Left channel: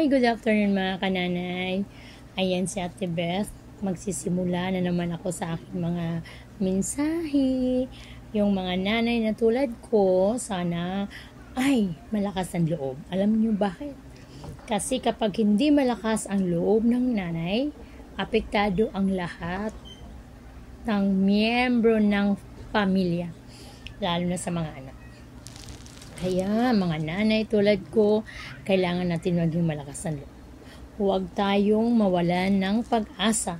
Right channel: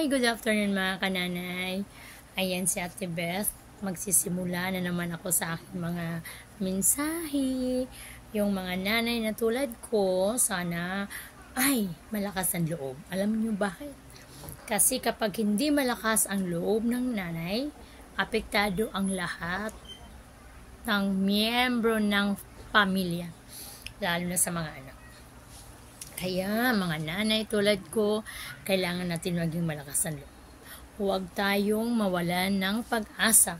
Good afternoon mga kananay. Ayan si Ate Beth. Magsisimula na naman ako sa aking mga mensahe. Yung mga nanay na tulad ko, sana ay malakas ang loob. Alam niyo bakit? Kasi kapag hindi malakas ang loob ng nanay, apektado ang lahat ng miyembro ng pamilya, lalo na sa mga anak. Kaya mga nanay tulad ko, kailangan natin maging malakas ang loob. Huwag tayong mawalan ng pag-asa.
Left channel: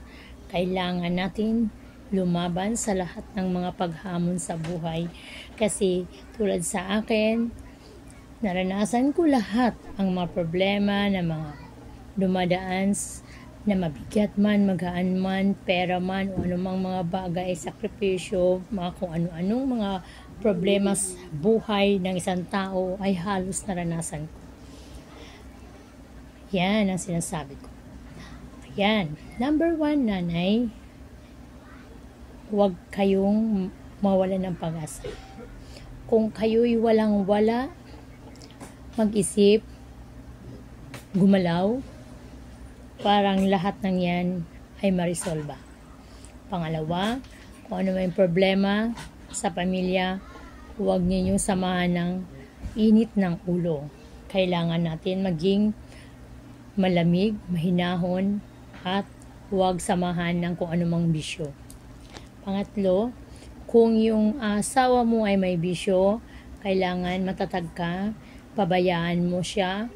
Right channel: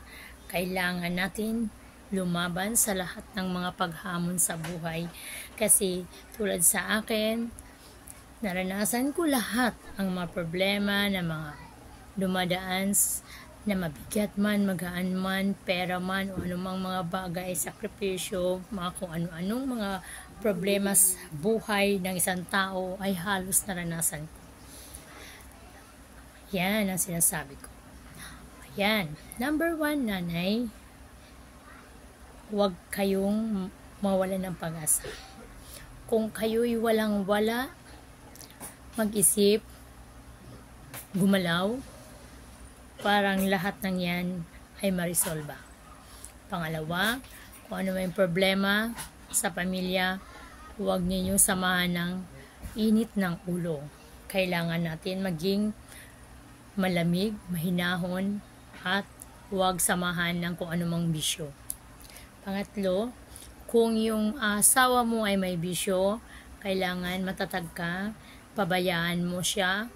Kailangan natin lumaban sa lahat ng mga paghamon sa buhay. Kasi tulad sa akin, naranasan ko lahat ang mga problema na mga dumadaan na mabigat man, magaan man, pera man, o anumang mga bagay, sakripisyo, mga kung ano-anong mga problema sa buhay ng isang tao ay halos naranasan ko. Yan ang sinasabi ko. Yan. Number 1, nanay, huwag kayong mawalan ng pag-asa. Kung kayo'y walang-wala, mag-isip, gumalaw, parang lahat ng yan ay marisolba. Pangalawa, kung ano may problema sa pamilya, huwag ninyong samahan ng init ng ulo. Kailangan natin maging malamig, mahinahon, at huwag samahan ng kung anumang bisyo. Pangatlo, kung yung asawa mo ay may bisyo, kailangan matatag ka, pabayaan mo siya,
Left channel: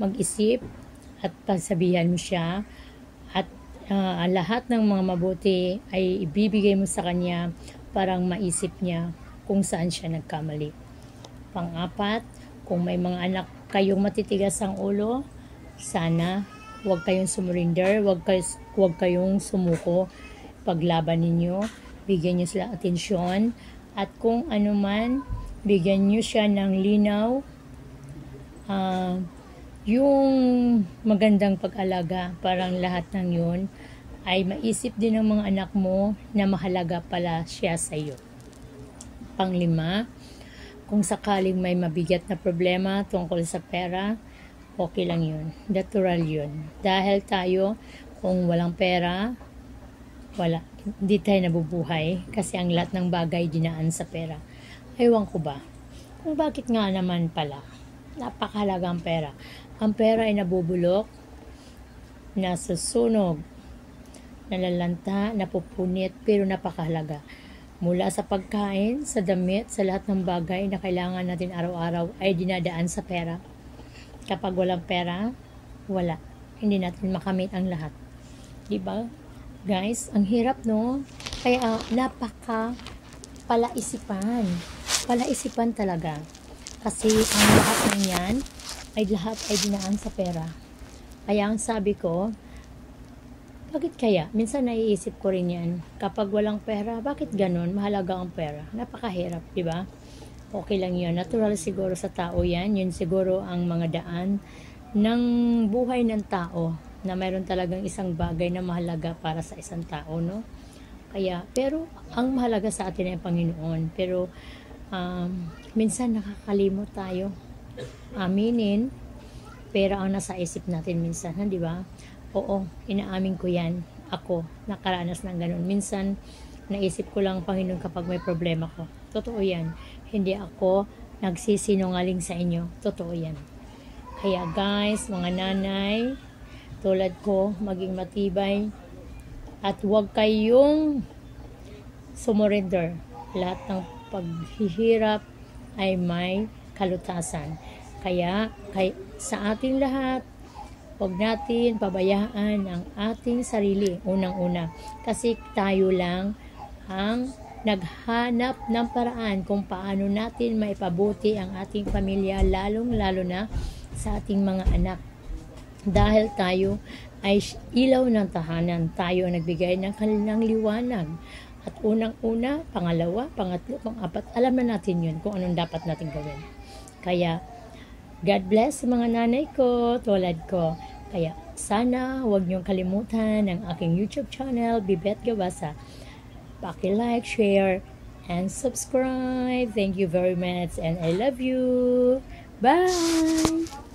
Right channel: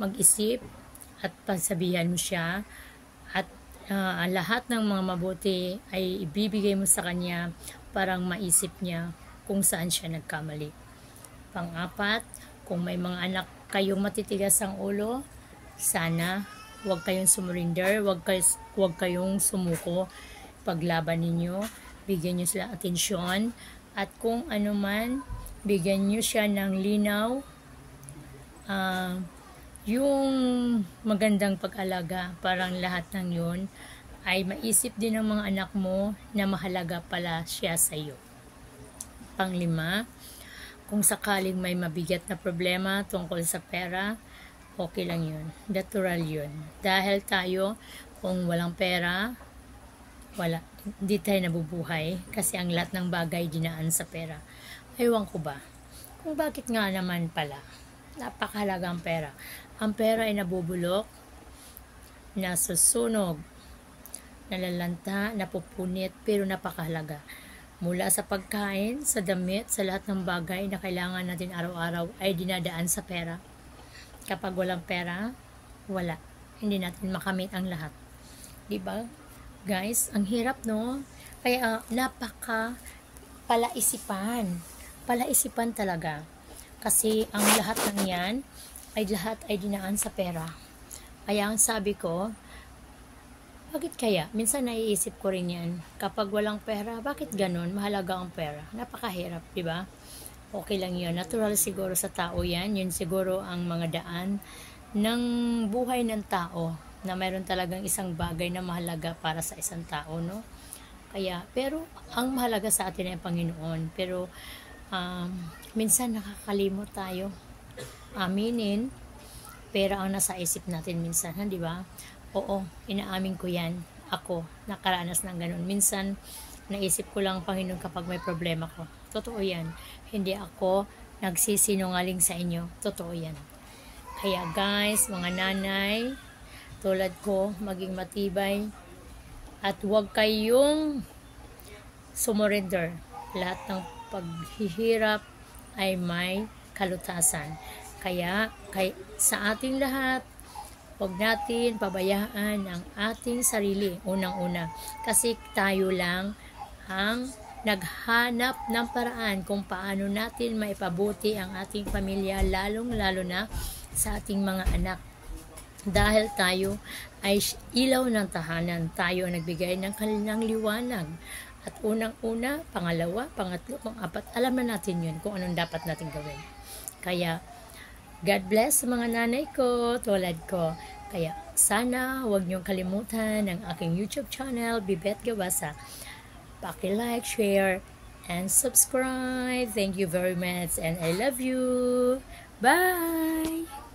mag-isip, at pagsabihan mo siya, at lahat ng mga mabuti ay ibibigay mo sa kanya parang maisip niya kung saan siya nagkamali. Pang-apat, kung may mga anak kayong matitigas ang ulo, sana huwag kayong sumurinder, huwag kayong sumuko. Paglaban ninyo, bigyan nyo sila atensyon, at kung ano man, bigyan nyo siya ng linaw, yung magandang pag-alaga, parang lahat ng yun ay maisip din ng mga anak mo na mahalaga pala siya sa iyo. Pang-5, kung sakaling may mabigat na problema tungkol sa pera, okay lang yun. Natural yun. Dahil tayo, kung walang pera, hindi tayo nabubuhay kasi ang lahat ng bagay dinaan sa pera. Ewan ko ba? Kung bakit nga naman pala, napakahalaga ang pera. Ang pera ay nabubulok, nasusunog, nalalanta, napupunit, pero napakahalaga. Mula sa pagkain, sa damit, sa lahat ng bagay na kailangan natin araw-araw ay dinadaan sa pera. Kapag walang pera, wala. Hindi natin makamit ang lahat. Diba? Guys, ang hirap, no? Kaya palaisipan talaga. Kasi ang lahat ng yan, lahat ay dinaan sa pera. Kaya ang sabi ko, bakit kaya? Minsan naiisip ko rin yan. Kapag walang pera, bakit ganun? Mahalaga ang pera. Napakahirap, di ba? Okay lang yun. Natural siguro sa tao yan. Yun siguro ang mga daan ng buhay ng tao na mayroon talagang isang bagay na mahalaga para sa isang tao, no? Kaya, pero ang mahalaga sa atin ay Panginoon. Pero minsan nakakalimot tayo. Aminin, pera ang nasa isip natin minsan, di ba? Oo, inaamin ko yan. Ako, nakaranas ng ganun. Minsan, naisip ko lang, Panginoon, kapag may problema ko. Totoo yan. Hindi ako nagsisinungaling sa inyo. Totoo yan. Kaya guys, mga nanay, tulad ko, maging matibay at huwag kayong sumurrender. Lahat ng paghihirap ay may kalutasan. Kaya sa ating lahat, huwag natin pabayaan ang ating sarili, unang-una. Kasi tayo lang ang naghanap ng paraan kung paano natin maipabuti ang ating pamilya, lalong-lalo na sa ating mga anak. Dahil tayo ay ilaw ng tahanan, tayo ang nagbigay ng kanilang liwanag. At unang-una, pangalawa, pangatlo, pang-apat, alam na natin yun kung anong dapat natin gawin. Kaya, God bless sa mga nanay ko, tulad ko. Kaya sana huwag niyong kalimutan ang aking YouTube channel, Bibet Gawasa. Paki-like, share, and subscribe. Thank you very much and I love you. Bye!